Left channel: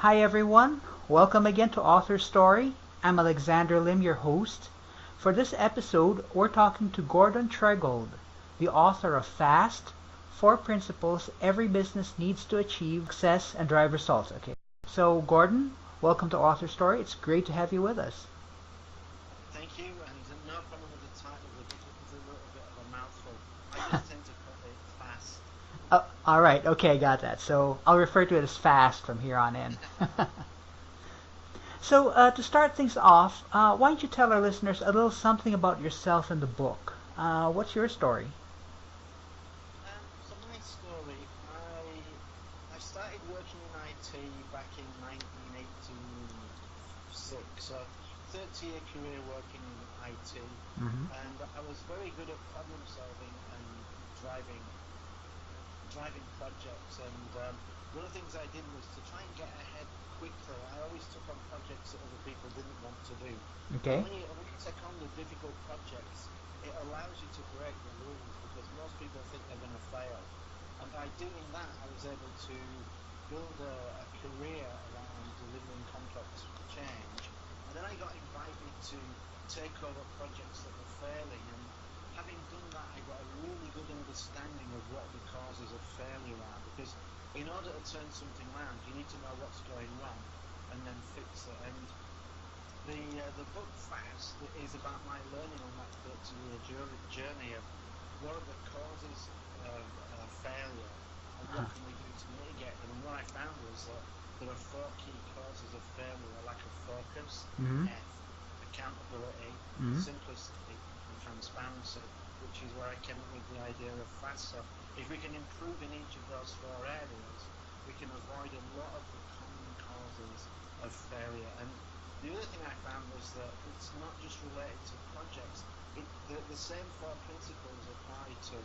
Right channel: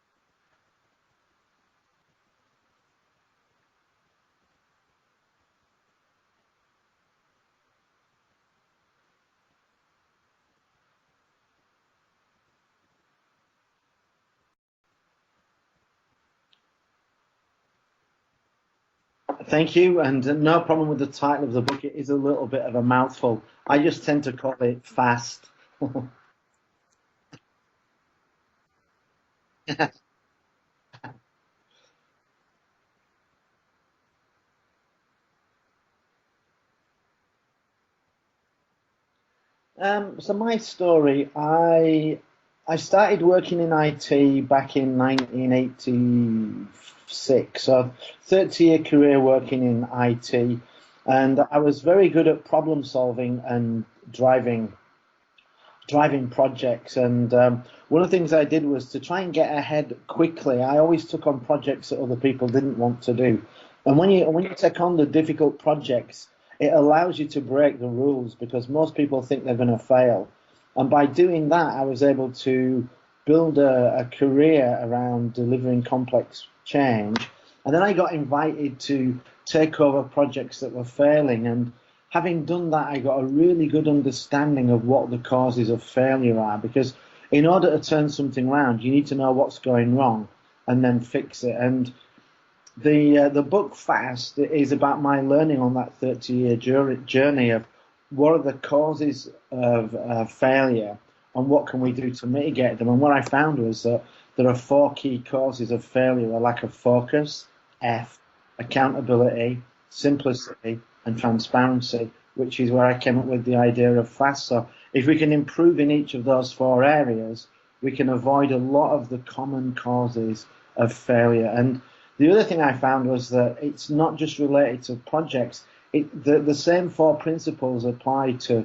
Hi everyone, welcome again to AuthorStory. I'm Alexander Lim, your host. For this episode, we're talking to Gordon Tredgold, the author of Fast, Four Principles Every Business Needs to Achieve Success and Drive Results. Okay, so Gordon, welcome to AuthorStory. It's great to have you with us. Thank you, and no problem with the title of the book. It is a little bit of a mouthful. I just tend to call it Fast. All right, okay, got that. So I'll refer to it as Fast from here on in. So, to start things off, why don't you tell our listeners a little something about yourself and the book? What's your story? So my story, I started working in IT back in 1986. So 30-year career working in IT, and I was very good at problem solving and driving projects. And one of the things I did was to try and get ahead quickly. I always took on projects that other people didn't want to do. Okay. And when you take on the difficult projects, it allows you to break the rules because most people think they're going to fail. And by doing that, I was able to build a career around delivering complex change. And then I got invited to take over projects that were failing. And having done that, I got a really good understanding of what the causes of failure are, because in order to turn something around, you need to know what's going wrong and then fix it. And the book Fast is about my learning on that 30-year journey of what are the causes of failure and what can we do to mitigate them. And what I found was that there are four key causes of failure: a lack of focus, F, accountability, simplicity, and transparency, which is where I came up with the idea of Fast. So if we can improve in each of those four areas, we can avoid a lot of the common causes of failure. And the other thing I found was that it's not just related to projects. The same four principles apply to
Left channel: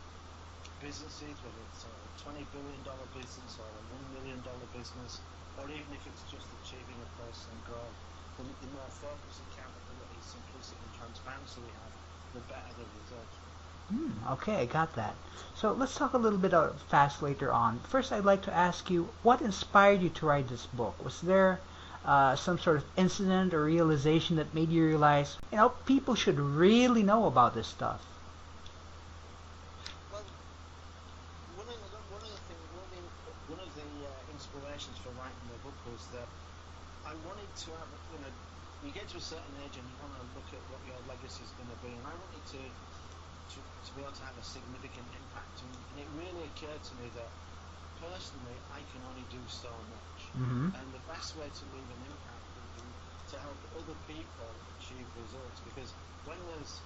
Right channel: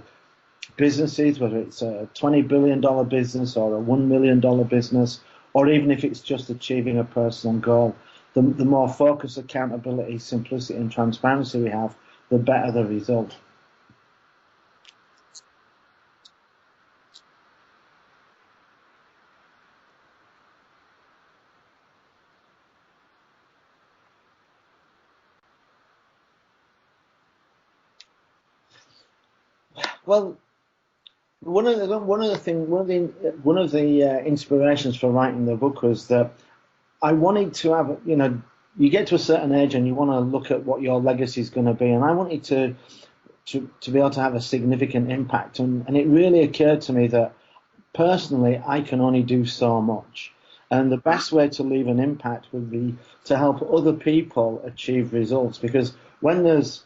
businesses, whether it's a $20 billion business or a $1 million business, or even if it's just achieving a personal goal. The more focus, accountability, simplicity, and transparency we have, the better the result. Okay, I got that. So let's talk a little bit about Fast later on. First, I'd like to ask you, what inspired you to write this book? Was there some sort of incident or realization that made you realize, people should really know about this stuff? Well, one of the inspirations for writing the book was that I wanted to have, you get to a certain age and you want to look at what your legacy is going to be, and I wanted to be able to have a significant impact, and it really occurred to me that personally I can only do so much, and the best way to leave an impact would be to help other people achieve results. Because when there's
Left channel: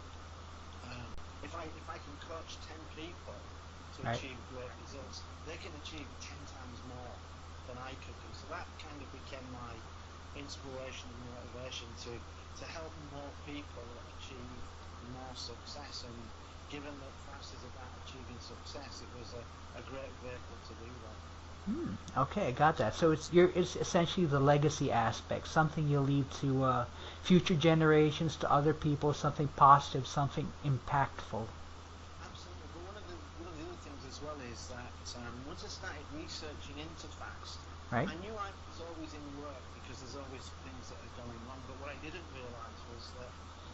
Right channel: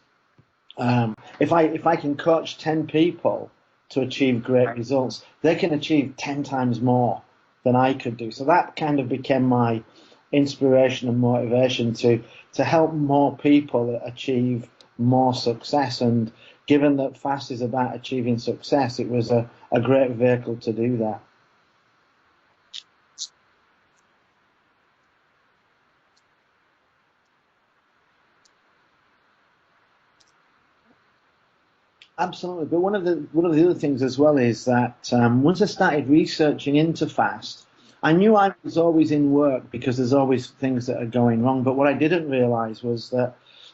if I can coach 10 people to achieve great results, they can achieve 10 times more than I could do. So that kind of became my inspiration and motivation to help more people achieve more success. And given that Fast is about achieving success, it was a great vehicle to do that. Okay, I got that. So it's essentially the legacy aspect, something you leave to future generations, to other people, something positive, something impactful. Absolutely. But one of the other things as well is that once I started researching into Fast, I knew I was always in work because there's always things that are going wrong. But what I didn't realize was that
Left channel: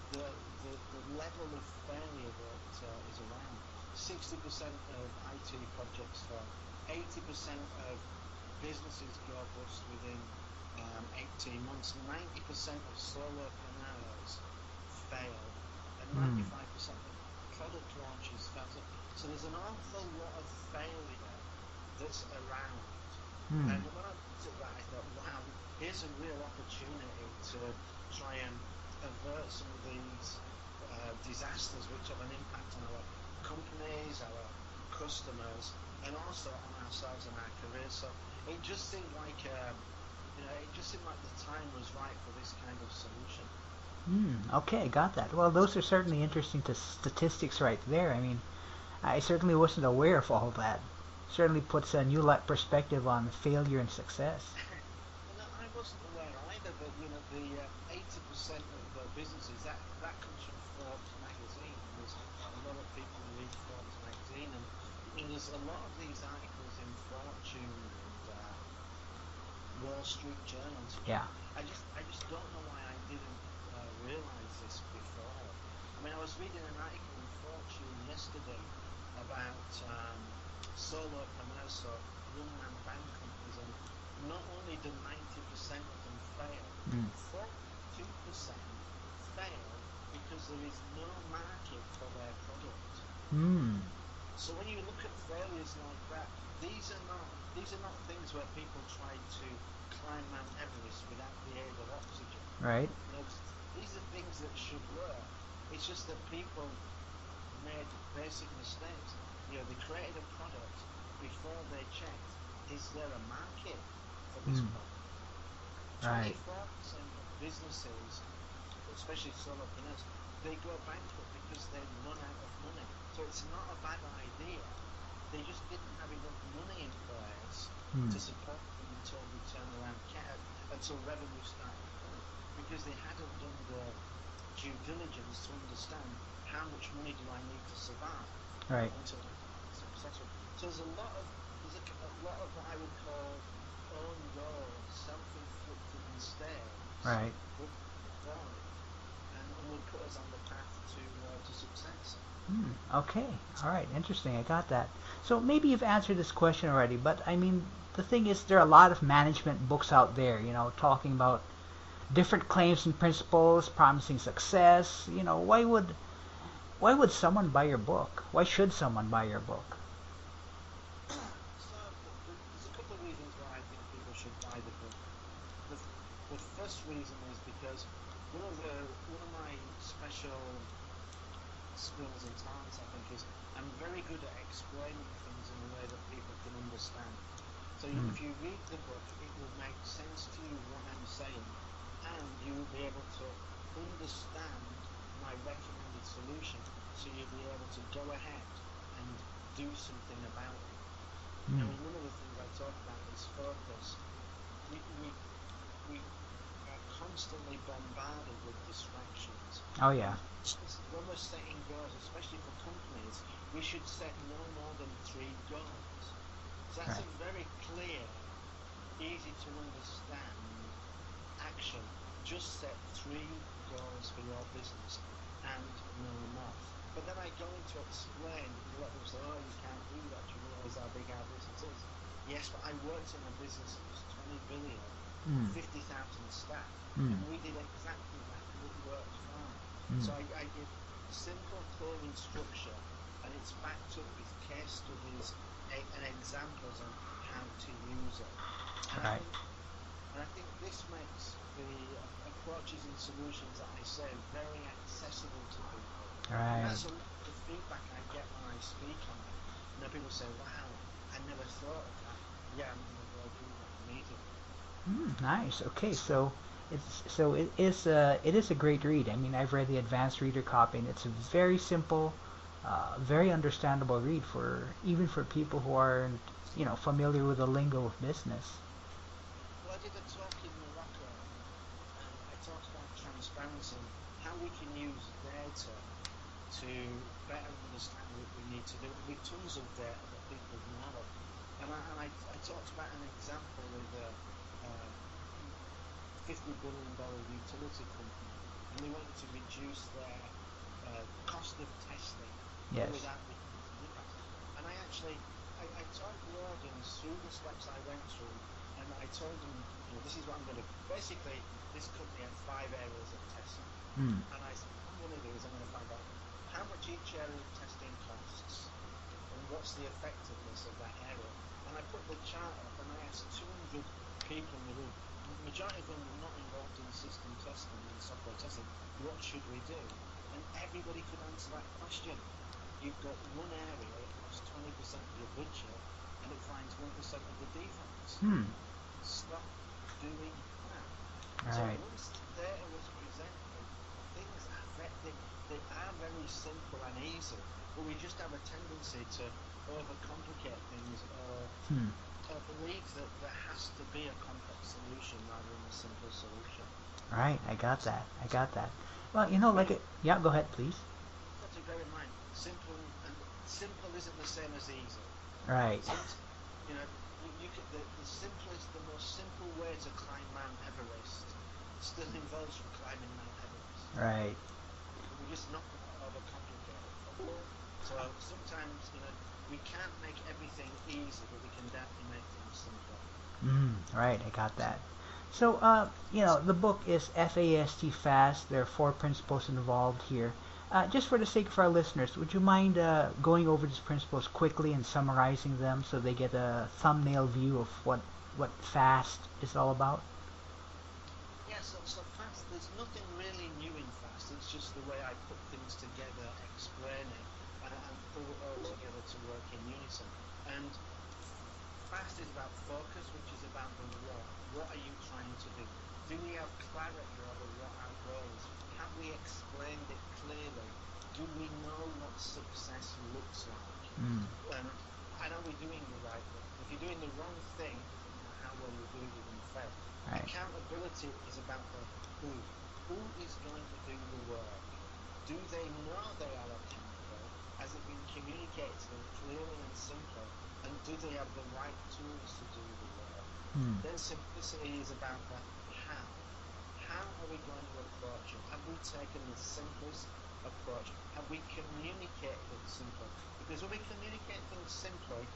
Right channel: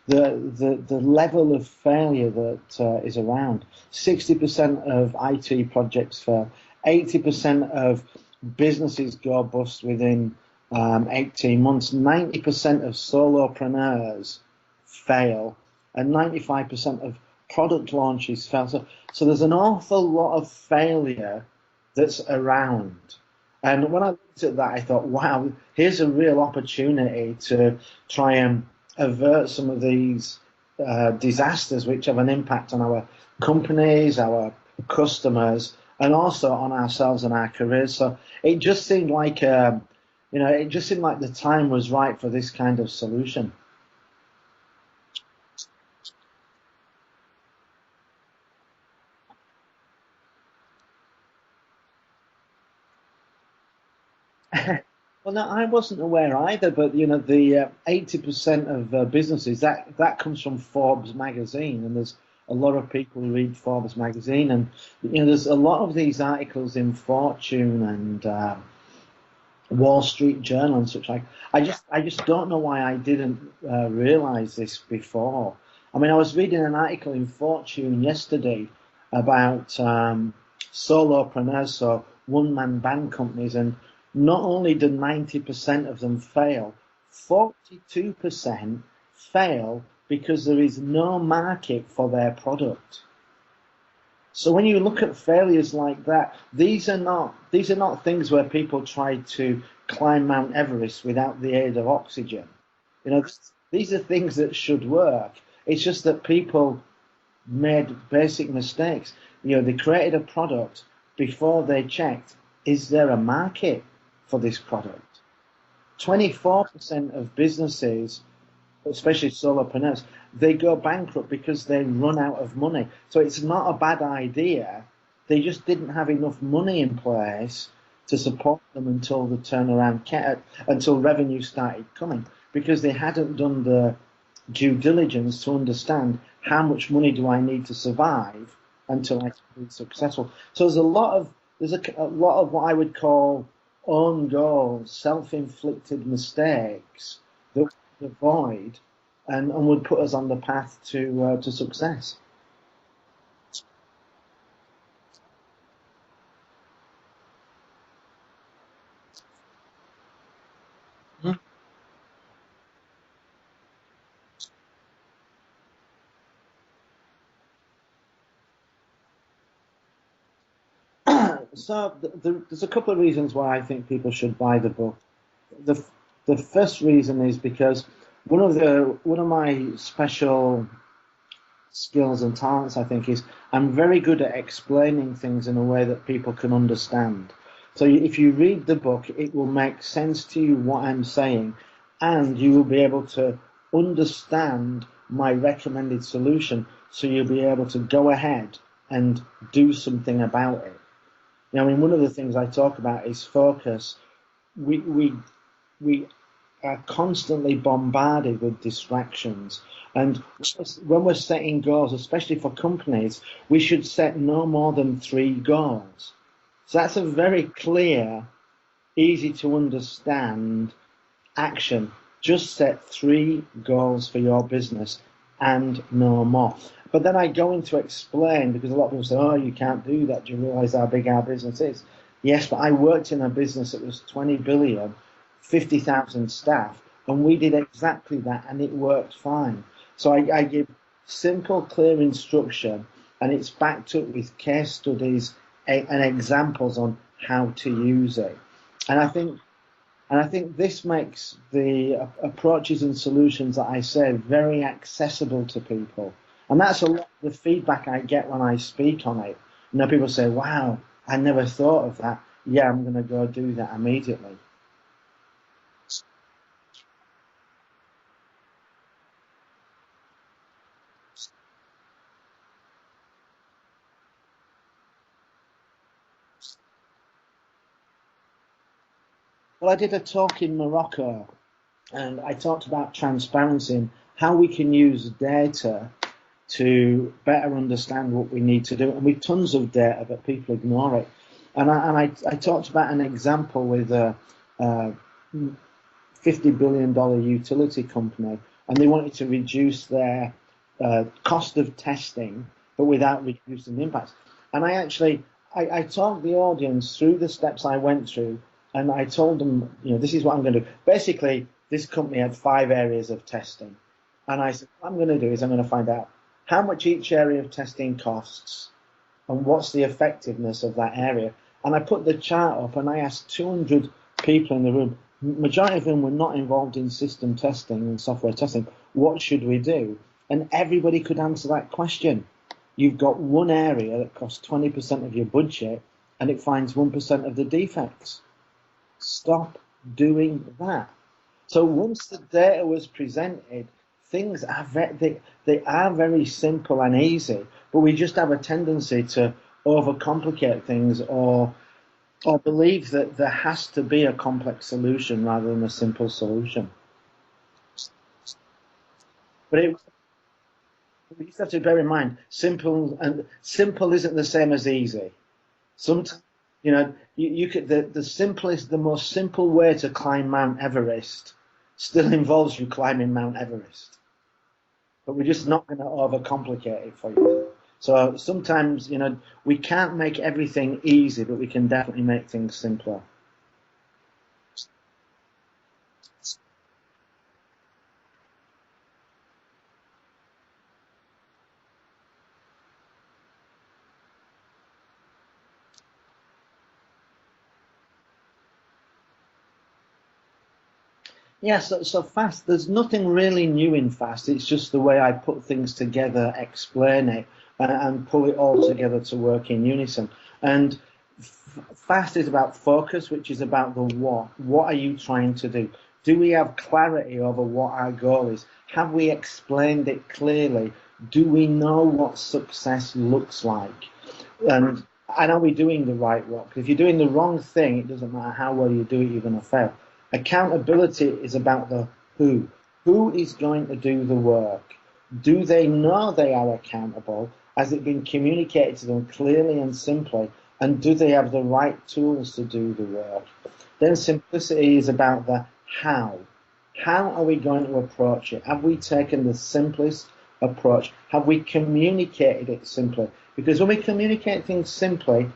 the level of failure that is around. 60% of IT projects fail. 80% of businesses go bust within 18 months. 90% of solopreneurs fail, and 95% of product launches fail. So there's an awful lot of failure that's around. And when I looked at that, I thought, wow, here's a real opportunity to try and avert some of these disasters which have an impact on our companies, our customers, and also on ourselves and our careers. So it just seemed like the time was right for this kind of solution. Okay, got that. Well, those are certainly interesting statistics right there. I mean, I certainly wasn't aware of all that. Certainly puts a new perspective on failure and success. Well, no, I wasn't aware either, but the 80% of businesses, that comes from Forbes magazine, and there's a lot of people who read Forbes magazine, and there's a lot of these articles in Fortune and Wall Street Journal and such Yeah. like. I just don't know why I didn't realize this before. I mean, I was reading an article in Fortune yesterday about solopreneurs, so one-man band companies, and not only did 90% of them fail, 42% fail because there is no market for their product. Mm. So when you look at failures like that, these are not things where people try to climb Mount Everest without the aid of oxygen. Right. You know, these are things that should work. It's just that people made basic mistakes. You know, they created a product before they checked, is there a market for this product? Right. 24% of businesses, especially solopreneurs, they go bankrupt because they run out of money. So it's not a bad idea. They just didn't have enough money in place to support them until the turnaround, until revenue started coming, because they hadn't done the due diligence to understand how much money do I need to survive Right. until I can be successful. So there's a lot of what I would call own goals, self-inflicted mistakes Right. that we avoid and would put us on the path to success. Okay. All right. Interesting. I got that. So maybe you've answered this question already, but I mean, the thing is, there are a lot of management books out there, talking about different claims and principles, promising success. Why would someone buy your book? Why should someone buy your book? So there's a couple of reasons why I think people should buy the book. The the first reason is because one of my special skills and talents, I think, is I'm very good at explaining things in a way that people can understand. So if you read the book, it will make sense to you what I'm saying, and you will be able to understand my recommended solution. So you'll be able to go ahead and do something about it. Now, I mean, one of the things I talk about is focus. We are constantly bombarded with distractions. Oh yeah. And when we're setting goals, especially for companies, we should set no more than 3 goals. So that's a very clear, easy to understand action. Just set 3 goals for your business and no more. But then I go into explain, because a lot of people say, oh, you can't do that. Do you realize how big our business is? Yes, but I worked in a business that was 20 billion, 50,000 staff, and we did exactly that, and it worked fine. So I give simple, clear instruction, and it's backed up with case studies and examples on how to use it. And I think this makes the approaches and solutions that I say very accessible to people. And Right. that's a lot of the feedback I get when I speak on it. People say, wow, I never thought of that. Yeah, I'm going to go do that immediately. Nice. Okay. So it is a great read. I mean, I've read the advanced reader copy, and it's a very simple, very understandable read for even for people who aren't familiar with the lingo of business. Well, I did a talk in Morocco, and I talked about transparency and how we can use data to better understand what we need to do. And with tons of data, but people ignore it. And I talked about an example with a $50 billion utility company, and they wanted to reduce their cost of testing, but Yes. without reducing the impacts. And I talked the audience through the steps I went through, and I told them, this is what I'm going to do. Basically, this company had 5 areas of testing. And I said, what I'm going to do is I'm going to find out how much each area of testing costs and what's the effectiveness of that area. And I put the chart up and I asked 200 people in the room, majority of them were not involved in system testing and software testing. What should we do? And everybody could answer that question. You've got one area that costs 20% of your budget and it finds 1% of the defects. Stop doing that. So Right. once the data was presented, things are they are very simple and easy, but we just have a tendency to overcomplicate things or believe that there has to be a complex solution rather than a simple solution. Right. I got that. I got that. Well, But yeah. Go ahead, please. we just have to bear in mind, simple isn't the same as easy. Right. Sometimes You know, you could the most simple way to climb Mount Everest still involves you climbing Mount Everest. Right. But we're just not going to overcomplicate it for you. So sometimes, you know, we can't make everything easy, but we can definitely make things simpler. Right, I got that. So, the book is FAST Fast. There are 4 principles involved here. Just for the sake of our listeners, would you mind going over these principles quickly and summarizing them so they get a thumbnail view of what fast is all about? Yeah, so fast, there's nothing really new in fast. It's just the way I put things together, explain it, and pull it all together to work in unison. And fast is about focus, which is about the what. What are you trying to do? Do we have clarity over what our goal is? Have we explained it clearly? Do we know what success looks like? And are we doing the right work? If you're doing the wrong thing, it doesn't matter how well you do it, you're going to fail. Accountability is about the who. Who is going to do the work? Do they know they are accountable? Has it been communicated to them clearly and simply? And do they have the right tools to do the work? Then simplicity is about the how. How are we going to approach it? Have we taken the simplest approach? Have we communicated it simply? Because when we communicate things simply,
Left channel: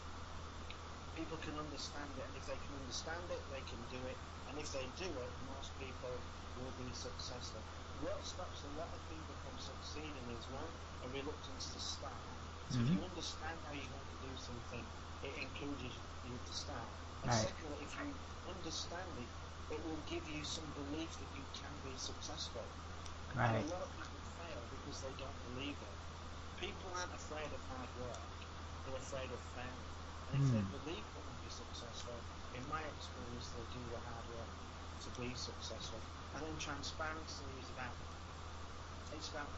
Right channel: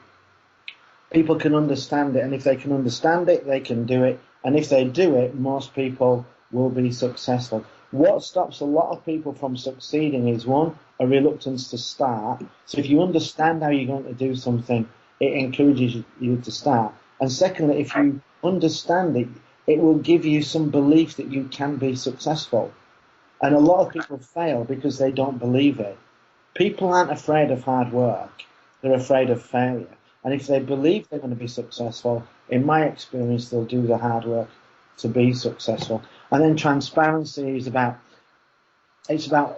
people can understand it. And if they can understand it, they can do it. And if they do it, most people will be successful. What stops a lot of people from succeeding is, one, a reluctance to start. So if you understand how you're going to do something, it encourages you to start. And secondly, if you understand it, it will give you some belief that you can be successful. And a lot of people fail because they don't believe it. People aren't afraid of hard work. They're afraid of failure. And if they believe they're going to be successful, in my experience, they'll do the hard work to be successful. And then transparency is about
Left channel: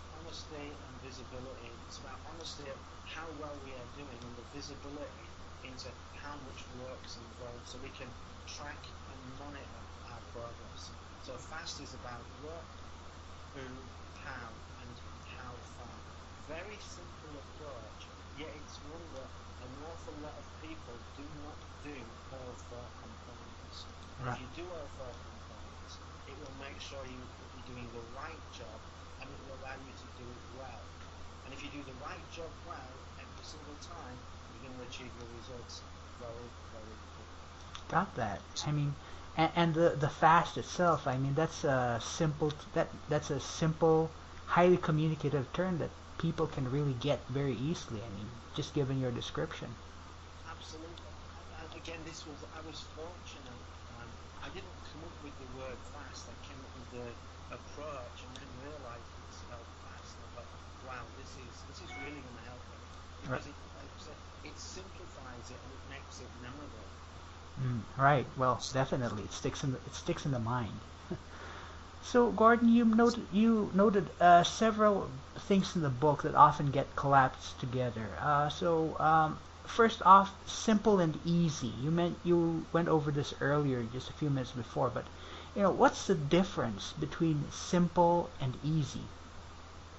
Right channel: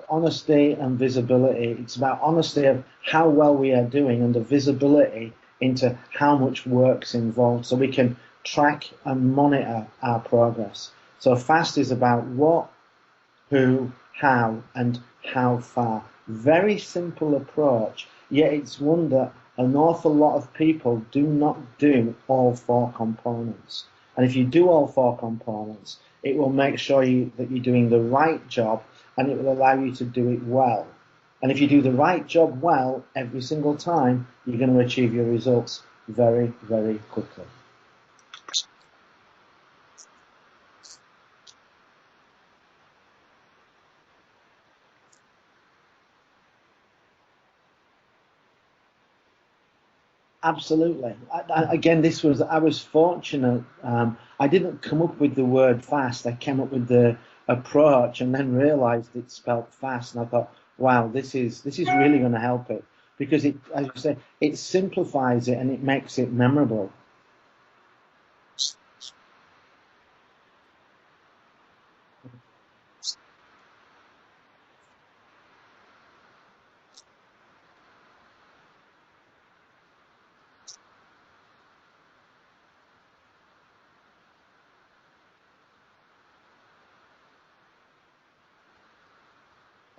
honesty and visibility. It's about honesty of how well we are doing and the visibility into how much work's involved, so we can track and monitor our progress. So fast is about what, who, how, and how far. Very simple approach, yet it's one that an awful lot of people do not do all 4 components. And if you do all 4 components, it will make sure that you're doing the right job, and it will allow you to do it well. And if you do the right job well every single time, you're going to achieve your results very, very quickly. Got that. I mean, and the fast itself. I mean, that's a simple, highly communicative term that people can really get very easily. I mean, just given your description. Absolutely. Again, I was fortunate. I didn't come up with the word fast. I came up with the approach, and then realised it spelled fast. And I thought, wow, this is really going to help it, because it, as you said, it simplifies it and it makes it memorable. Right. Well, definitely, it sticks in the mind. So, Gordon, you noted several things in the book that often get collapsed together. First off, simple and easy. You went over this earlier, just a few minutes before, but what's the difference between simple and easy?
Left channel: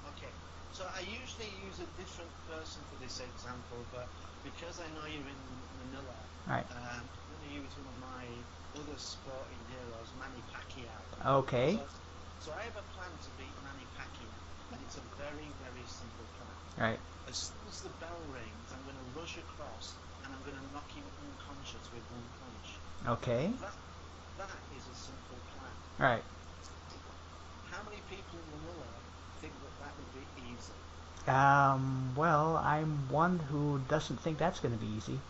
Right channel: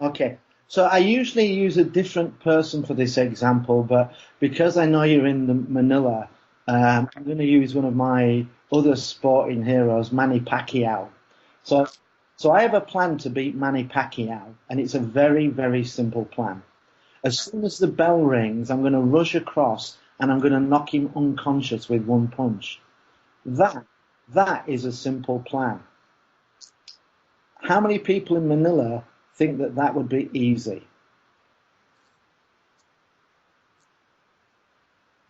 Okay. So I usually use a different person for this example, but because I know you're in the Manila, Right. I'm going to use one of my other sporting heroes, Manny Pacquiao. Okay. So I have a plan to beat Manny Pacquiao, and it's a very, very simple plan. Right. As soon as the bell rings, I'm going to rush across and I'm going to knock him unconscious with one punch. Okay. That is a simple plan. Right. How many people in Manila think that would be easy? Well, I'm one who doesn't think that's going to be easy.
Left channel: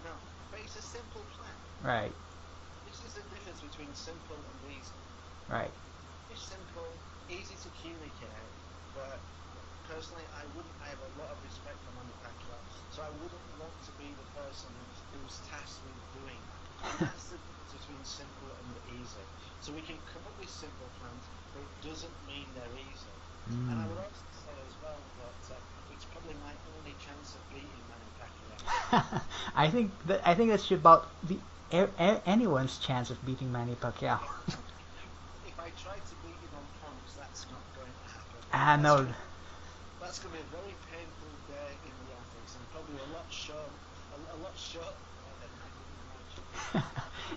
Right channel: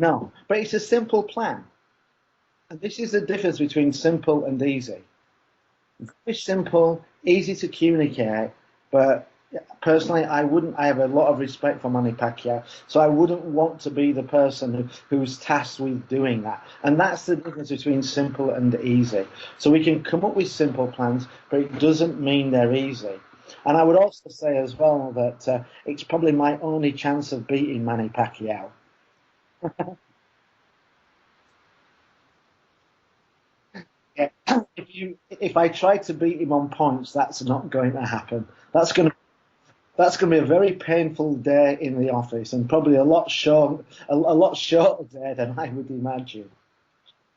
No, but it's a simple plan. Right. And this is the difference between simple and easy. Right. Very simple, easy to communicate, but personally, I have a lot of respect for Manny Pacquiao, so I wouldn't want to be the person who's tasked with doing that. And that's the difference between simple and easy. So we can come up with simple plans, but it doesn't mean they're easy. And I would also say as well that it's probably my only chance of beating Manny Pacquiao. I think that's about anyone's chance of beating Manny Pacquiao. If I try to beat him on points, that's not going to happen. Ah, That's no. going to That's going to be a very painful day in the office, and probably a lot shorter day than I would imagine.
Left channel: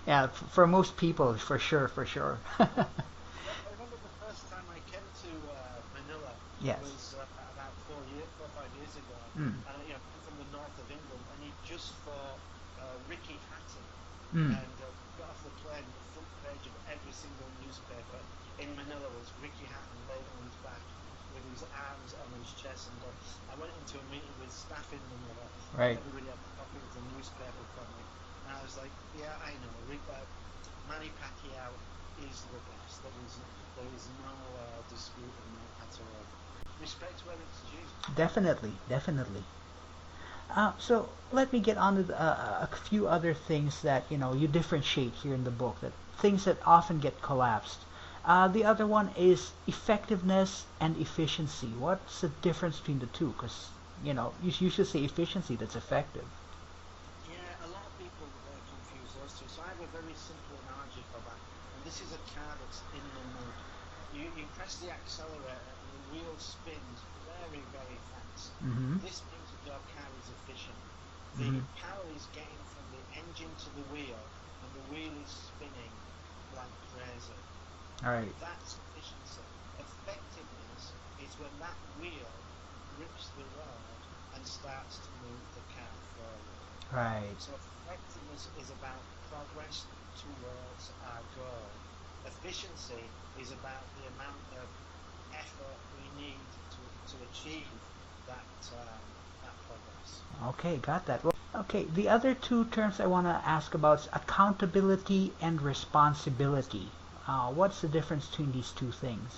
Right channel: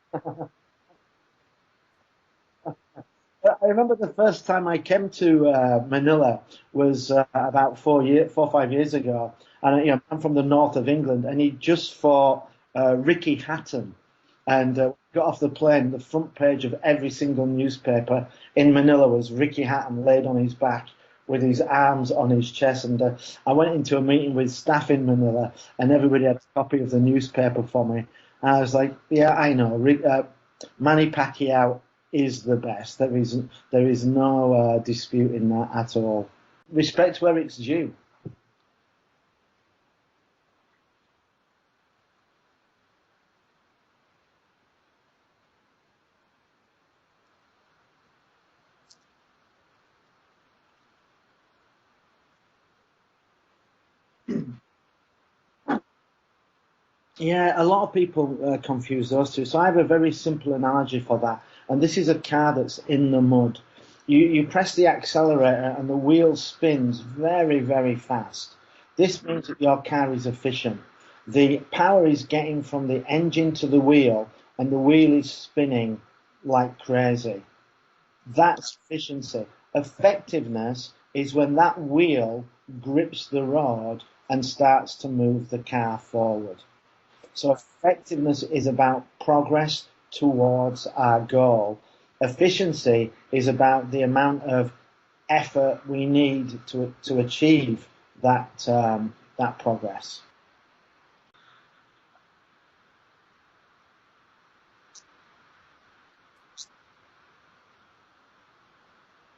Yeah, for most people, for sure, for sure. I remember the first time I came to Manila Yes. was about 4 or 5 years ago, Mm. and I'm from the north of England, and he just fought Ricky Hatton, Mm. and got off the plane. The front page of every single newspaper in Manila was Ricky Hatton laid on his back with his arms on his chest, and I went into a meeting with staff in Manila, and Right. everybody had a copy of the newspaper for me. And I was like, yeah, I know, Manny Pacquiao is the best. There is no dispute in that at all. Respect where it's due. Definitely, definitely. So let me get on to a few other things that you differentiate here in the book. That things that often get collapsed. The other one is effectiveness and efficiency. What's the difference between the two? Because you should say efficiency. That's effective. Yeah, a lot of people confuse those two. So I have a very simple analogy for that. And this is a car that's in the mud. You press the accelerator and the wheel spins very, very fast. Mm-hmm. This means that your car is efficient. The power is getting from the engine to the wheel, and the wheel is spinning like crazy. All right. That's efficiency. Effectiveness is when that wheel grips the road and starts to move the car forward. Right. So effectiveness is about progress towards our goal. Efficiency is about the amount of effort we need to achieve that progress. Okay, got that. Well, okay, the other two terms I want to ask about is accountability and responsibility. What's the difference between these two things?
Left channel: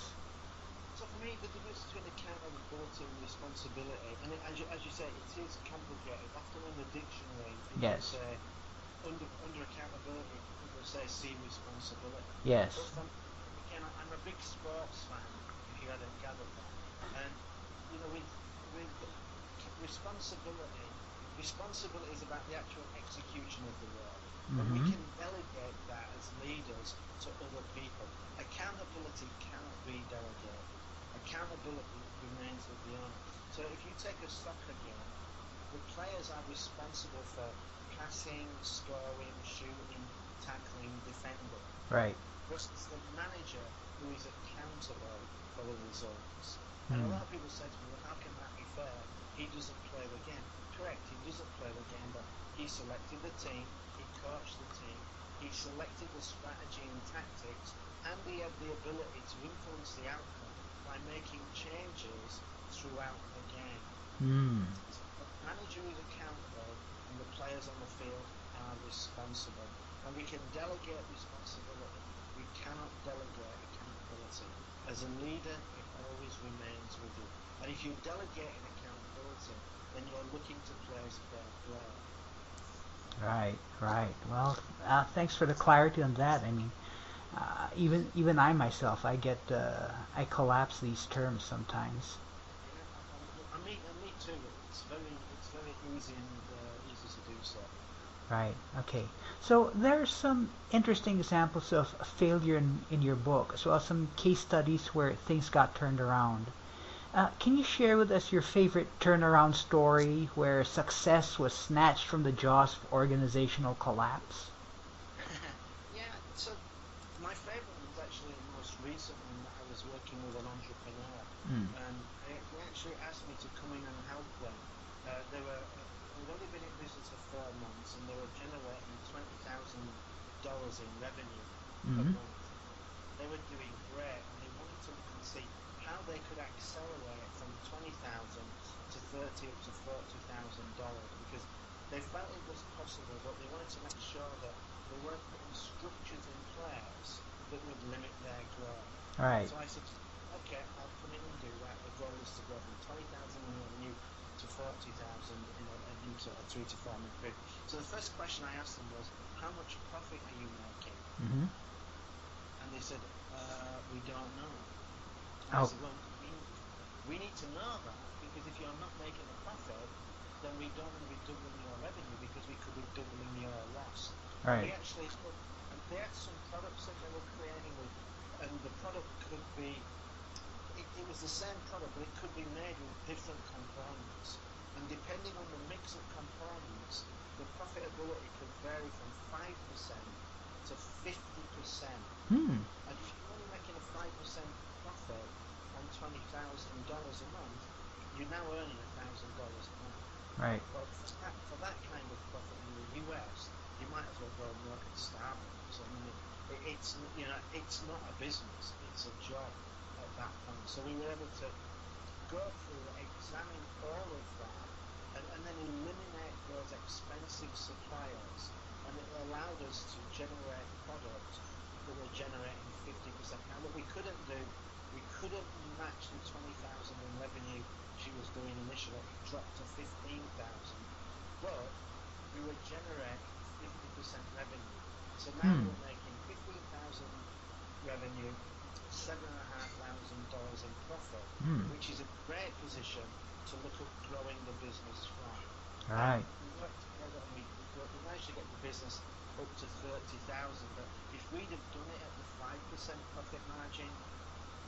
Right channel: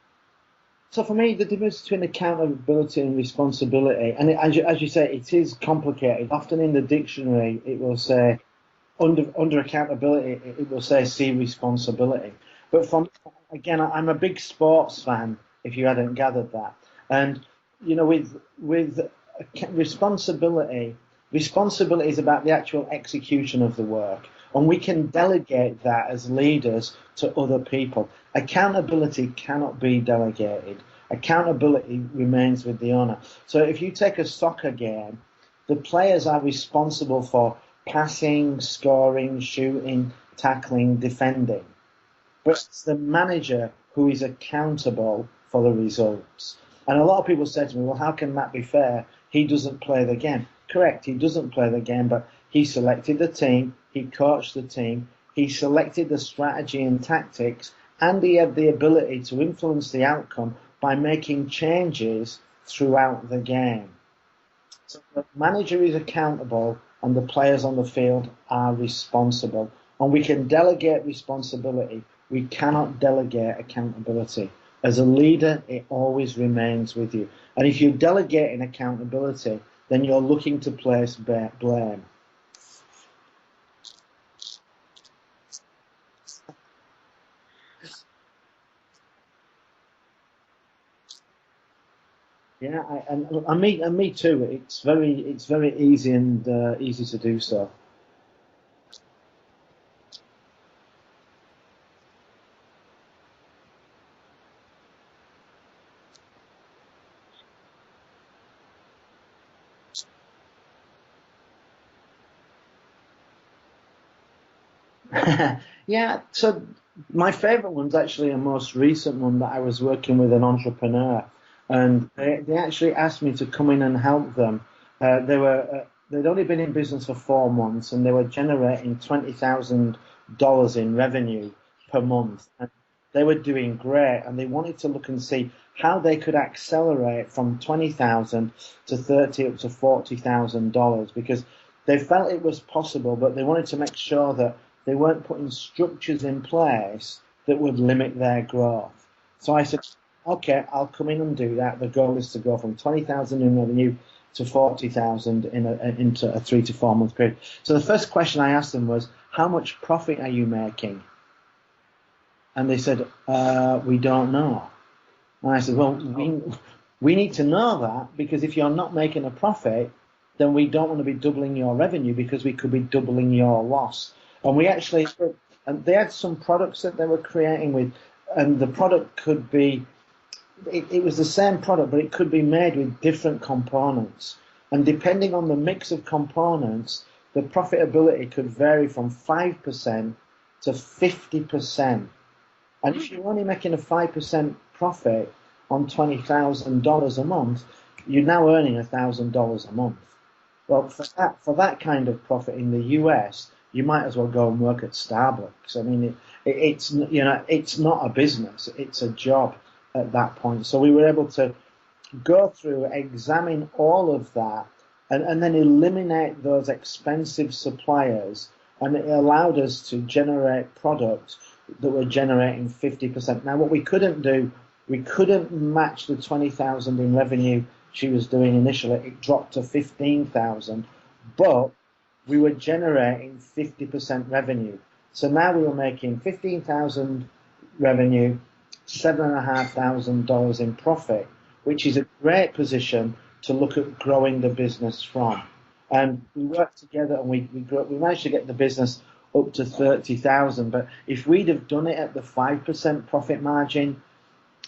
So for me, the difference between accountability and responsibility, and as you say, it is complicated. Often in the dictionary, it will Yes. say under accountability, it will say see responsibility. Yes. But again, I'm a big sports fan. If you hadn't gathered that, and with responsibility, responsibility is about the actual execution of the work, and we can delegate that as leaders to other people. Accountability cannot be delegated. Accountability remains with the owner. So if you take a soccer game, the players are responsible for passing, scoring, shooting, tackling, defending. Right. But it's the manager who is accountable for the results. And a lot of people say to me, well, how can that be fair? He doesn't play the game. Correct, he doesn't play the game, but he selected the team, he coached the team, he selected the strategy and tactics, and he had the ability to influence the outcome by making changes throughout the game. So the manager is accountable and the players on the field are responsible. And we can delegate responsibility. We cannot delegate accountability. As a leader, it always remains with you. And if you delegate in accountability, then you're looking to place blame. Right. Right. Well, thanks for the clarity on that. I mean, even I myself, I collapse these terms sometimes. Yeah, and me too. It's very easy and easy to do so. Right. Okay. So there's some interesting examples of failure in your book, as well as some case studies where things got turned around. Can you share with us your favorite turnaround story where success was snatched from the jaws of organizational collapse? Yeah, so my favorite one's actually a most recent one that I was working with an entrepreneur, and they actually asked me to come in and help them. They'd only been in business for 4 months, and they were generating $20,000 in revenue per month. And they were doing great, and they wanted to look and see how they could accelerate from 20,000 to 30 up to $40,000 because they felt it was possible, but they wanted to make sure that they weren't putting structures in place that would limit their growth. Right. So I said, okay, I'll come in and do that. The goal is to go from 20,000 in revenue to 40,000 into a 3 to 4 month period. So the first question I asked them was, how much profit are you making? And they said, we don't know. And I said, well, we need to know that because if you're not making a profit, then we don't want to be doubling your revenue because we could be doubling your loss. And we actually, and they had some products that they were creating with, and the product could be it was the same product, but it could be made with different components. And depending on the mix of components, the profitability could vary from 5% to 50%. Hmm. And if you're only making a 5% profit on $20,000 a month, you're now earning $1,000 a month. Right. Well, for that kind of profit in the US, you might as well go and work at Starbucks. I mean, it's it's not a business; it's a job at that point. So we were able to go through, examine all of that, and then eliminate those expensive suppliers, and it allowed us to generate products that were generating 50%. Now, what we couldn't do, we couldn't match the 20,000 in revenue she was doing initially. It dropped to 15,000, but we were generating 50% revenue. So now we were making 15,000 revenue, $7,500 in profit, which is a great position to look at growing the business from. And Right. we worked together, and we managed to get the business up to 30,000. But if we'd have done it at the 5% profit margin,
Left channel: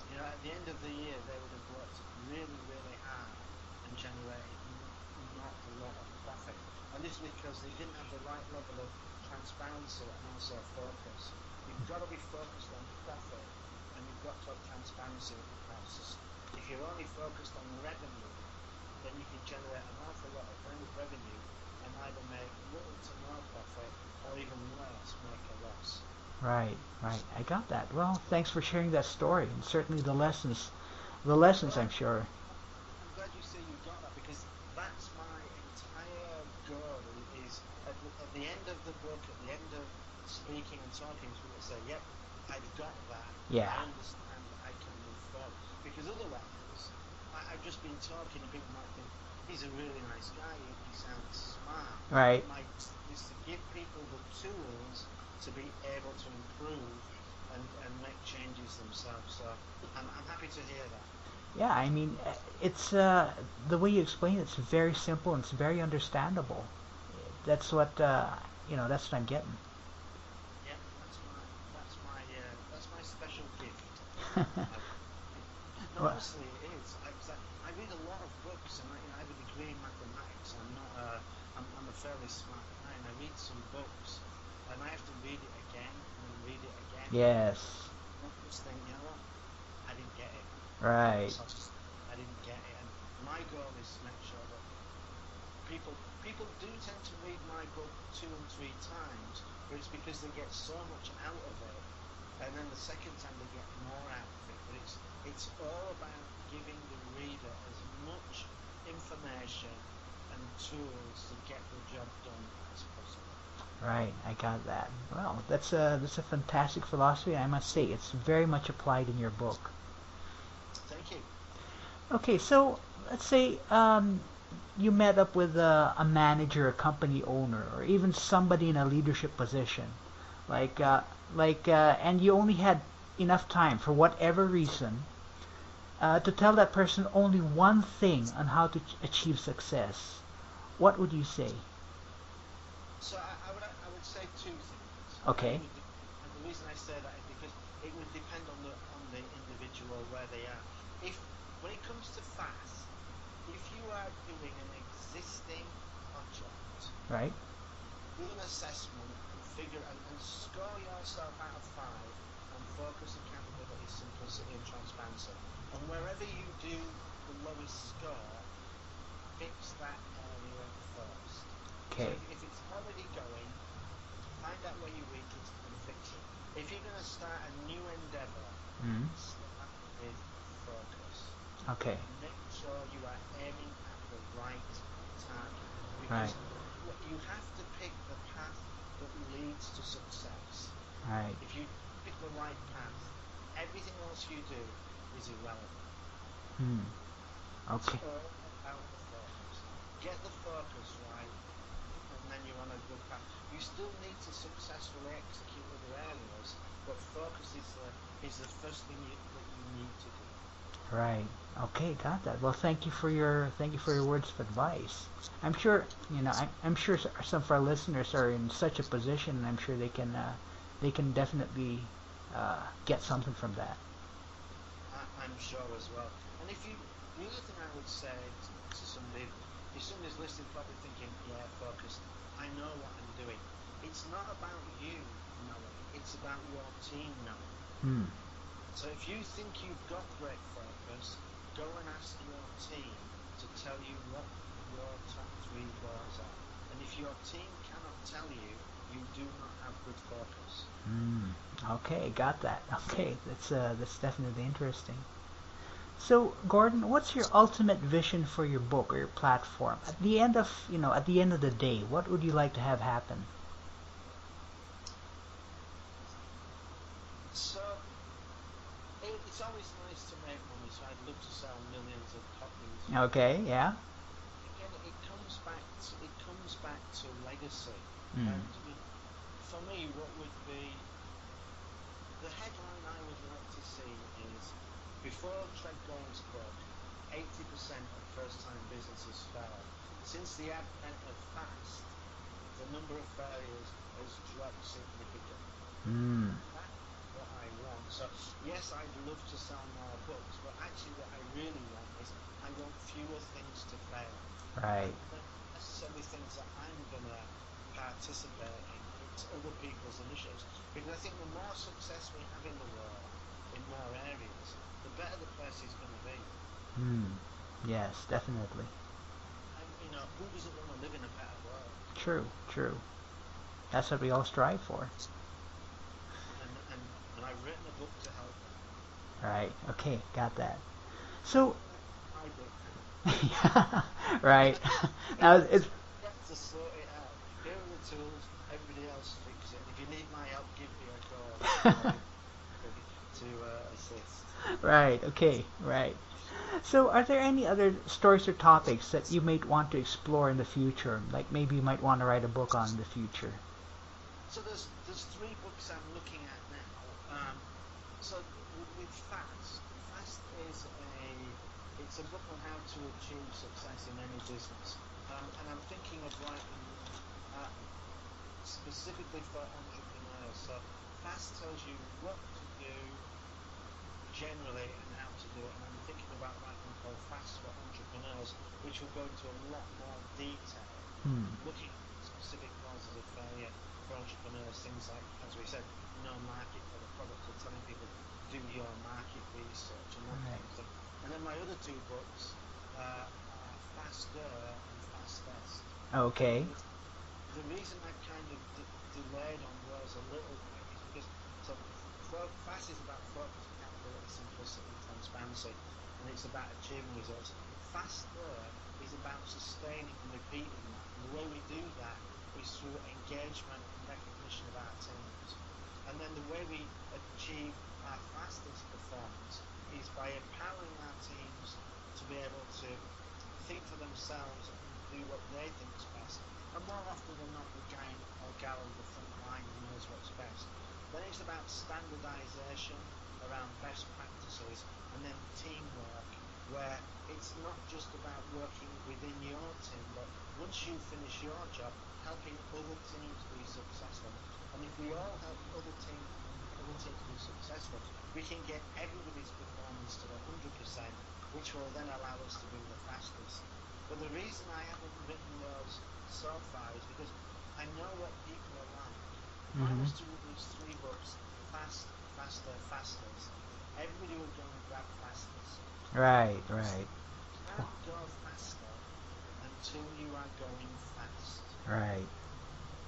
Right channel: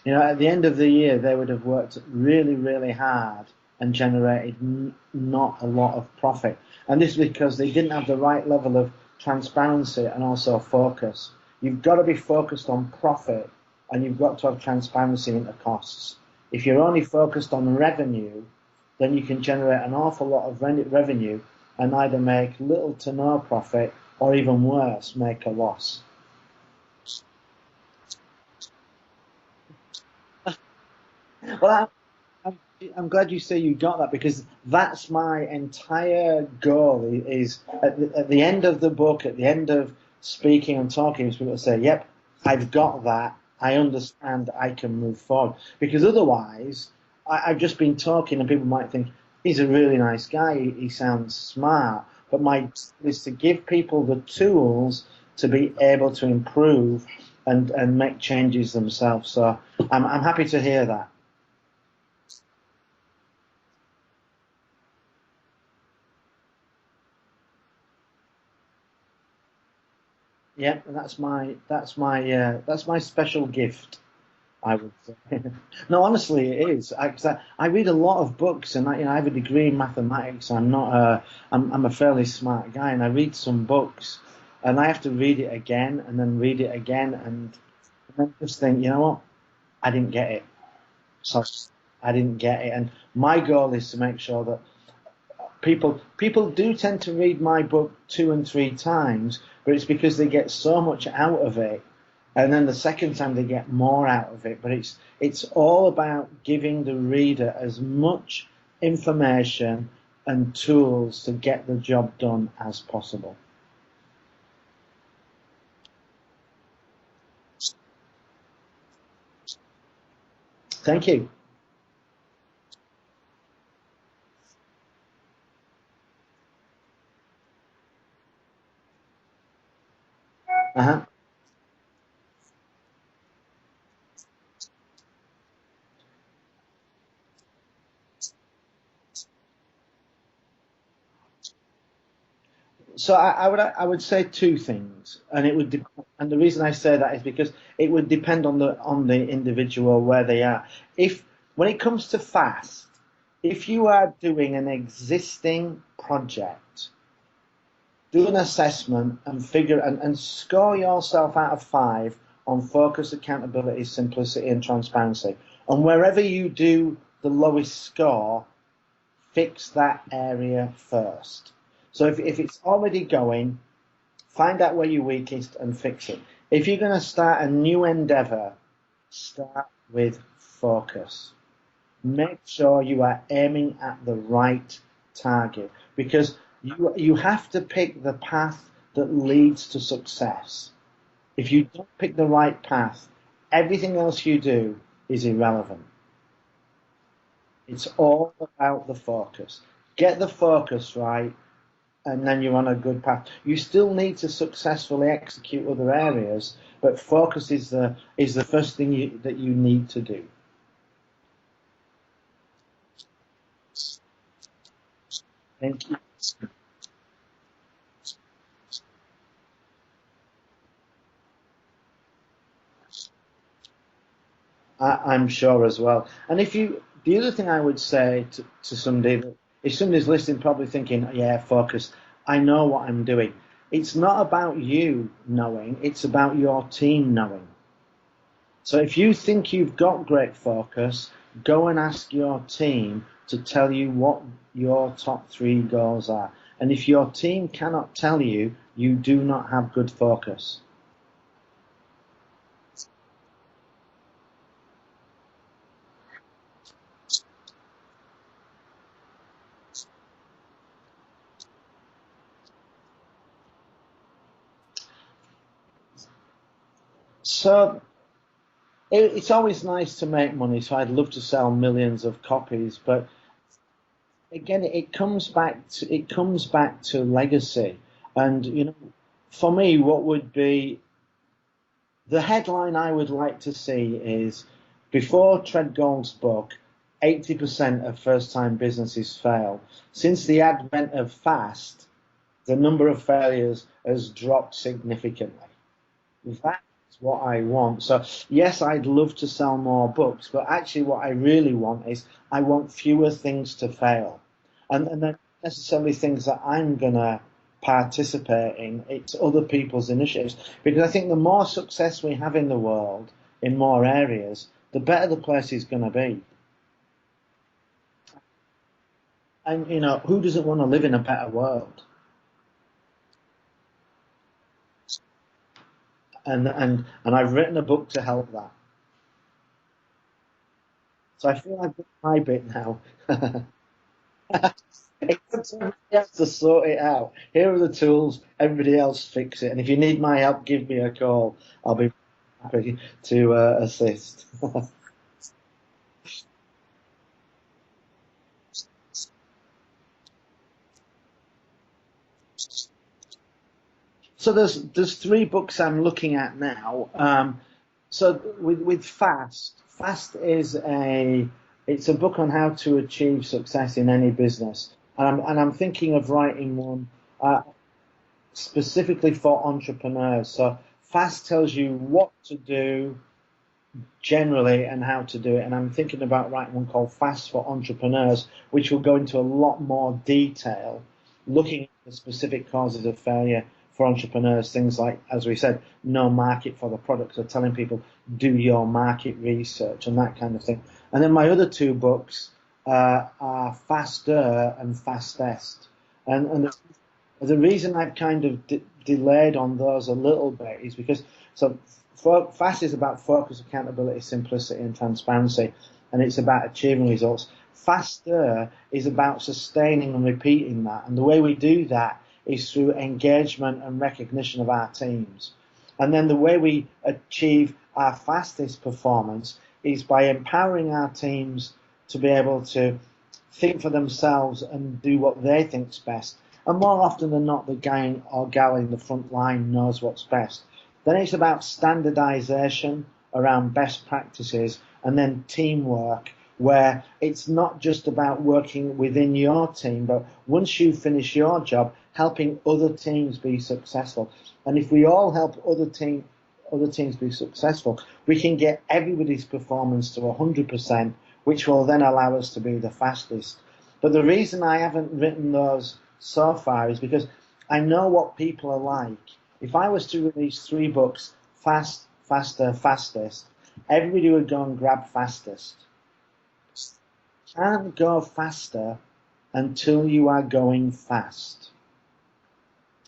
at the end of the year, they would have worked really, really hard and generated not a lot of profit. And this is because they didn't have the right level of transparency and also focus. You've got to be focused on profit, and you've got to have transparency into costs. If you're only focused on revenue, then you can generate an awful lot of revenue and either make little to no profit, or even worse, make a loss. Right. Right. I got that. Well, thanks for sharing that story, and certainly the lessons. The Well, lessons, I'm sure. I'm glad you say you got that, because that's my entire goal. Is at the end of the book, at the end of speaking and talking, is people to say, "Yep, I've got that. Yeah. I understand. I can move forward." Because otherwise, I've just been talking, and people might think he's a really nice guy. He sounds smart. Right. But my goal is to give people the tools to be able to improve and make changes themselves. So I'm happy to hear that. Yeah. I mean, it's the way you explain it's very simple and it's very understandable. That's what That's what I'm getting. Yeah, and that's my special gift, I would say. No, honestly, it is. I read a lot of books, and I have a degree in mathematics. I'm a fairly smart guy, and I read some books, and I have to read it again and then read it again, Yes. and then just think, you know what, I didn't get it. Right. So I didn't get it, and my goal is to make sure that people do tend to read my book 2 and 3 times, but it's because they get so much out of it, and then the second time they get more out of it. But it's all about giving the reader as much information and tools to get the job done as possible. Right. I got that. Well, that's a fantastic philosophy. I must say, it's very much applied in your book. Thank you. Okay, so let's say you met up with a manager, a company owner, or even somebody in a leadership position, like Uh-huh. and you only had enough time for whatever reason to tell that person only one thing on how to achieve success. What would you say? So I would say 2 things, and Okay. and the reason I say that is because it would depend on the individual, where they are. If When it comes to fast, if you are doing an existing project, Right. do an assessment and and score yourself out of 5 on focus, accountability, simplicity, and transparency. And wherever you do the lowest score, fix that area first. So Okay. if it's already going, find out where you're weakest and fix it. If you're going to start a new endeavor, Mm. start with focus. Okay. Make sure you are aiming at the right target, Right. because you have to pick the path that leads to success. Right. If you don't pick the right path, everything else you do is irrelevant. Hmm. It's Okay. all about the focus. Get the focus right, and then you're on a good path. You still need to successfully execute other areas, but focus is the first thing that you need to do. Right. Okay, got that. Well, thank you for your words of advice. I'm Thank sure you. I'm sure some of our listeners are in such a position, and I'm sure they can definitely get something from that. I'm sure as well. And the other thing I would say to somebody, if somebody's listening, probably thinking, yeah, focus, I know what I'm doing. It's not about you knowing, it's about your team knowing. Hmm. So if you think you've got great focus, go and ask your team to tell you what your top 3 goals are. And if your team cannot tell you, you do not have good focus. Okay, got that. Okay, that's definitely interesting. So, Gordon, what's your ultimate vision for your book or your platform? At the end of, at the end of the day, what would you like to have happen? So it's always nice to make money, so I'd love to sell millions of copies, but Okay, yeah. again, it comes back to legacy. And for me, what would be the headline I would like to see is before Tredgold's book, 80% of first-time businesses failed. Since the advent of fast, the number of failures has dropped significantly. Mm, That's what I want. So yes, I'd love to sell more books, but actually what I really want is I want fewer things to fail. right. And they're not necessarily things that I'm going to participate in. It's other people's initiatives. Because I think the more success we have in the world, in more areas, the better the place is going to be. Mm, yes, definitely. And, who doesn't want to live in a better world? True, true. That's what we all strive for. And I've written a book to help that. Right. Okay, got that. So I So, feel I've done my bit now. right. Now, It's somebody else to sort it out. Here are the tools. Everybody else fix it. And if you need my help, give me a call. I'll be happy to assist. right. Okay. Right. So, are there any other stories or topics that you might want to explore in the future? Like maybe you might want to write a book on in the future. So there's 3 books I'm looking at now. So with Fast is it's a book on how to achieve success in any business, and I'm thinking of writing one specifically for entrepreneurs. So Fast tells you what to do generally and how to do it, and I'm thinking about writing one called Fast for Entrepreneurs, which will go into a lot more detail, Hmm. looking at the specific causes of failure for entrepreneurs, things like, as we said, no market for the product, so telling people do your market research and that kind of thing. And then my other 2 books are Faster and Fastest. Okay. And the reason I've kind of delayed on those a little bit is because so Fast is about focus, accountability, simplicity, and transparency, and it's about achieving results. Faster is about sustaining and repeating that, and the way we do that is through engagement and recognition of our teams. And then the way we achieve our fastest performance is by empowering our teams to be able to think for themselves and do what they think's best. And more often than not, the guy or gal in the front line knows what's best. Then it's about standardization around best practices and then teamwork, where it's not just about working within your team, but once you finish your job, helping other teams be successful. And if we all help other teams be successful, we can get everybody's performance to 100%, which will then allow us to be the fastest. But the reason I haven't written those so far is because I know what people are like. If I was Hmm. to release 3 books, Fast, Faster, Fastest, everybody would go and grab Fastest. Right. Right. Can't go faster until you are going fast. Right.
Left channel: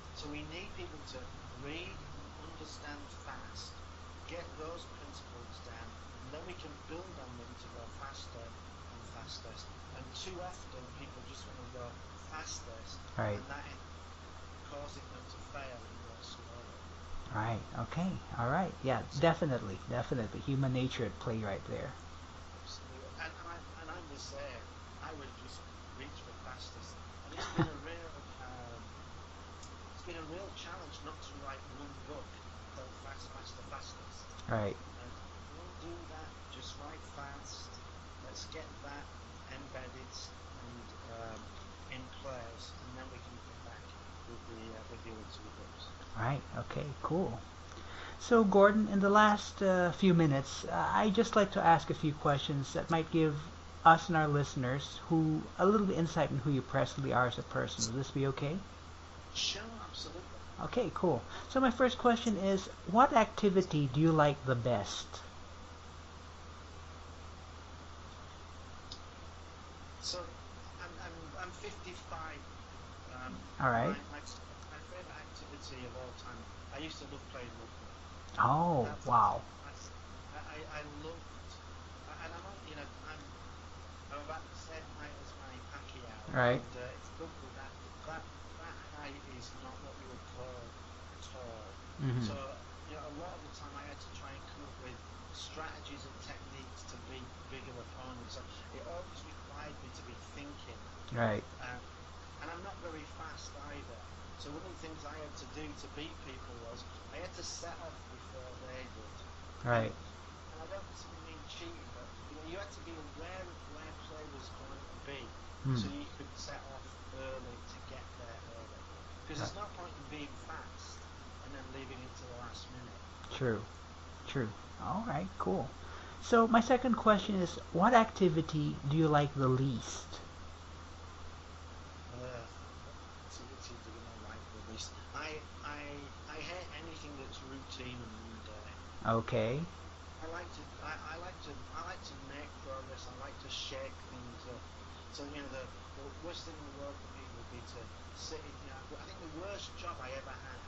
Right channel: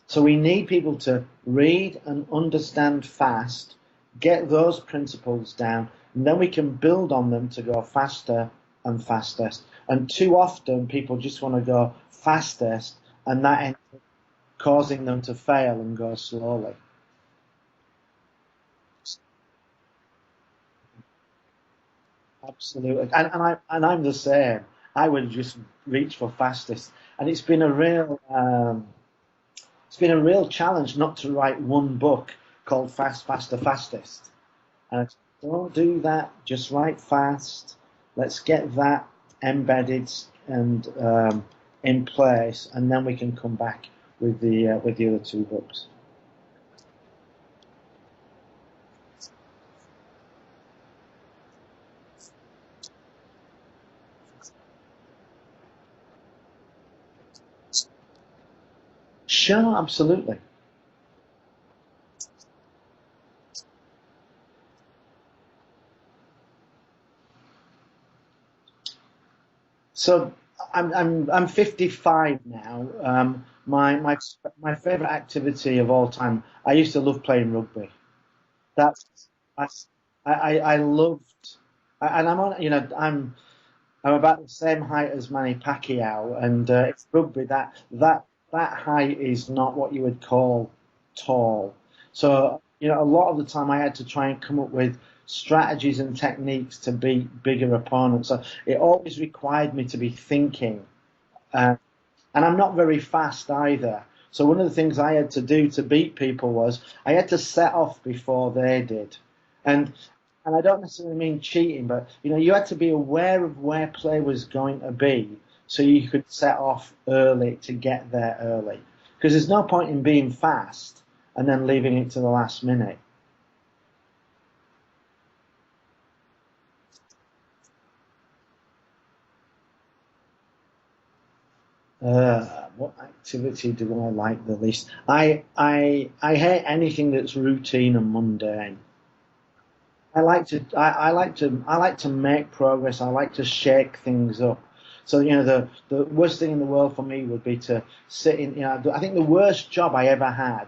So we need people to read and understand fast, get those principles down, and then we can build on them to go faster and fastest. And too often people just want to go fastest, Right. and that ends up causing them to fail and go slowly. Right. Okay. All right. Yeah. Definitely. Definitely. Human nature at play right there. Absolutely, and I'm the same. I would just reach for fastest, and it's been a real challenge not to write one book called Fast, Faster, Fastest. Right. And don't do that. Just write fast. Let's get that embedded and in place, and then we can come back with the other 2 books. Right. Okay. Cool. So, Gordon, in the last few minutes, I just like to ask a few questions that might give us and our listeners who a little bit insight in who you personally are as a person. Will this be okay? Sure, absolutely. Okay, cool. So my first question is, what activity do you like the best? So I'm 55 now. All right. My favorite activity of all time. I used to love playing rugby. Oh, That's wow. I loved, and I'm on. I'm about the same height as Manny Pacquiao, Right. and it's rugby. That height is not what you would call tall. Mm-hmm. So a lot of the time I had to try and come up with strategies and techniques to beat bigger opponents. So it always required me to be thinking, Right. uh, and I'm not very fast either. So one of the things I had to do to beat people was I had to set off before they did, and Right. and I don't necessarily mean cheating, but you had to be aware of where play was going to be, so Mm. you could set off early to get there early. Because there's no point in being fast and then leaving it to the last minute. True. True. All right. Cool. So my second question is, what activity do you like the least? What activity do I like the least? I hate anything that's routine and mundane. Okay. I like to make progress. I like to shake things up. So the worst thing in the world for me would be to sit in. I think the worst job I ever had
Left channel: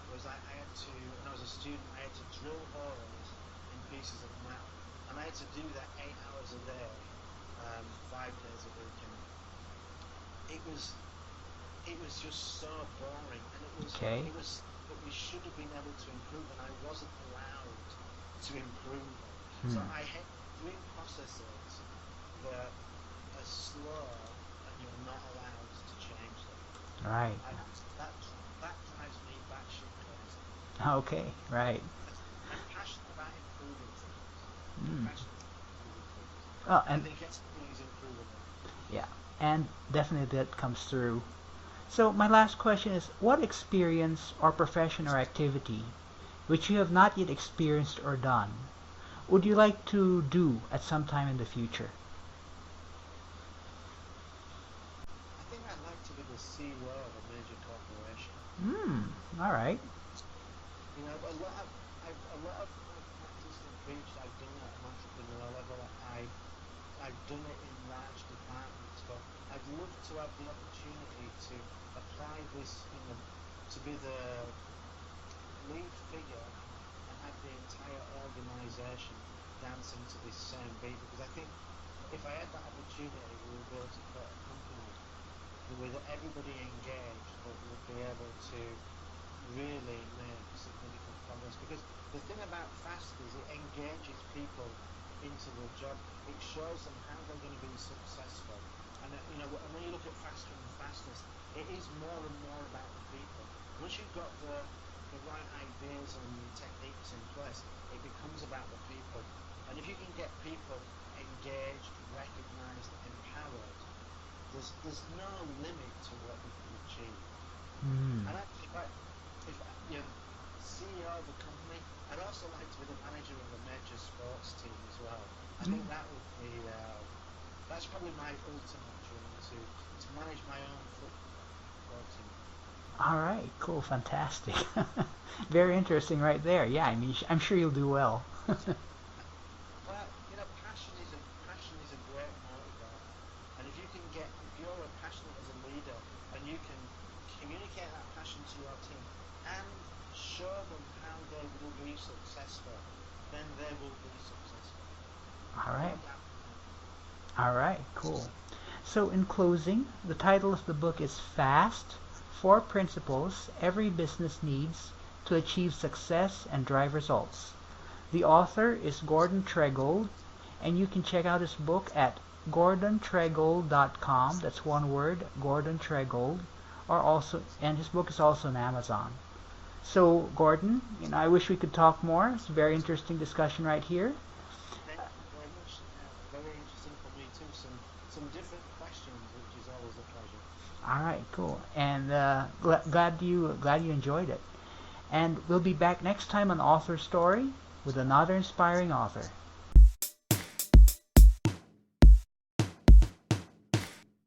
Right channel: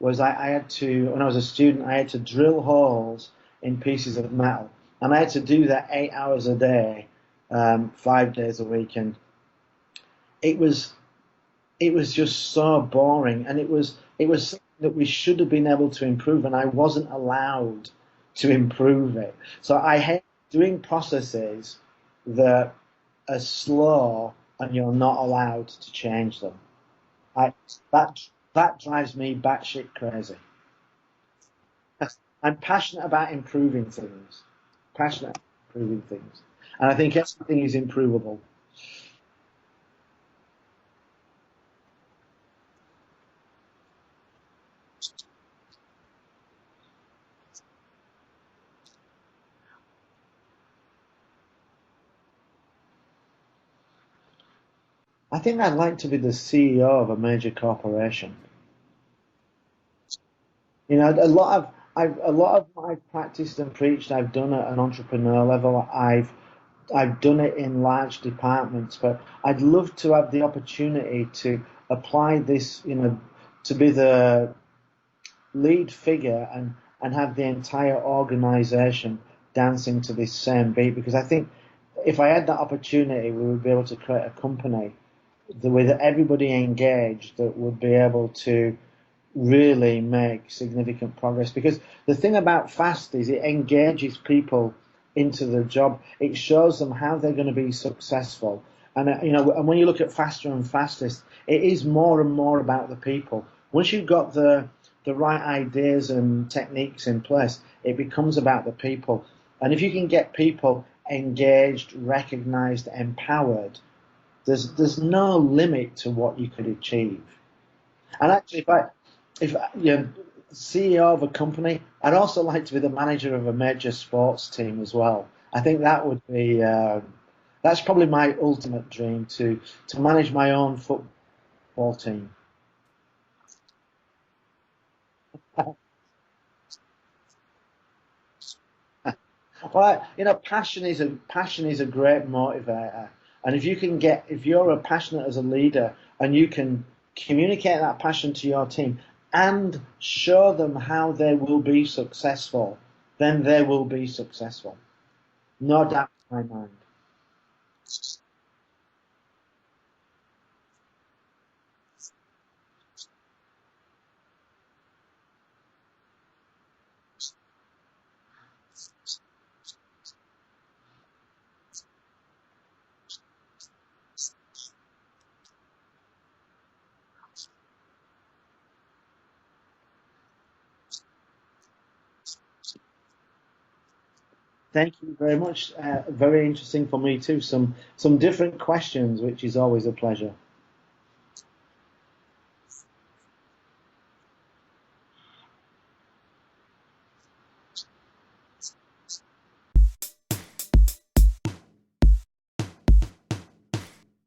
was I had to, when I was a student, I had to drill holes in pieces of metal, and I had to do that 8 hours a day, 5 days a week, and it was it was just so boring, and Okay. it was something that we should have been able to improve, and I wasn't allowed to improve it. So Mm. I hate doing processes that are slow and you're not allowed to change them. Right. I that that drives me batshit crazy. Okay. Right. I'm passionate about improving things. Mm. Passionate about improving things, Oh, and I think everything is improvable. yeah. And definitely that comes through. So my last question is, what experience or profession or activity which you have not yet experienced or done would you like to do at some time in the future? I think I'd like to be the CEO of a major corporation. Hmm. All right. A lot of what I've practiced and preached, I've done at an entrepreneur level. I've done it in large departments, but I'd love to have the opportunity to apply this, to be the lead figure and have the entire organization dancing to this same beat. Because I think if I had that opportunity, we would be able to create a company with everybody engaged that would be able to really make significant progress. Because the thing about fast is it engages people into the job. It shows them how they're going to be successful. And and when you look at faster and fastest, it is more and more about the people. Once you've got the right ideas and techniques in place, it becomes about the people. And if you can get people engaged, recognized, empowered, there's no limit to what you could achieve. Hmm. And actually, if you're CEO of a company, I'd also like to be the manager of a major sports team as well. I think that would be that's probably my ultimate dream to manage my own football team. All right. Cool. Fantastic. Very interesting right there. Yeah, I mean, I'm sure you'll do well. Well, passion is a great motivator, and if you're a passionate as a leader and you can communicate that passion to your team and show them how they will be successful, then they will be successful. All No right. doubt in my mind. All right. Cool. So, in closing, the title of the book is Fast: Four Principles Every Business Needs to Achieve Success and Drive Results. The author is Gordon Tredgold, and you can check out his book at gordontregold.com. That's one word, Gordon Tredgold, or also, and his book is also on Amazon. So, Gordon, I wish we could talk more. It's a very interesting discussion right here. Thank you very much. Very interesting for me too. Some different questions, which is always a pleasure. All right, cool, and glad you enjoyed it. And we'll be back next time on Author Story with another inspiring author.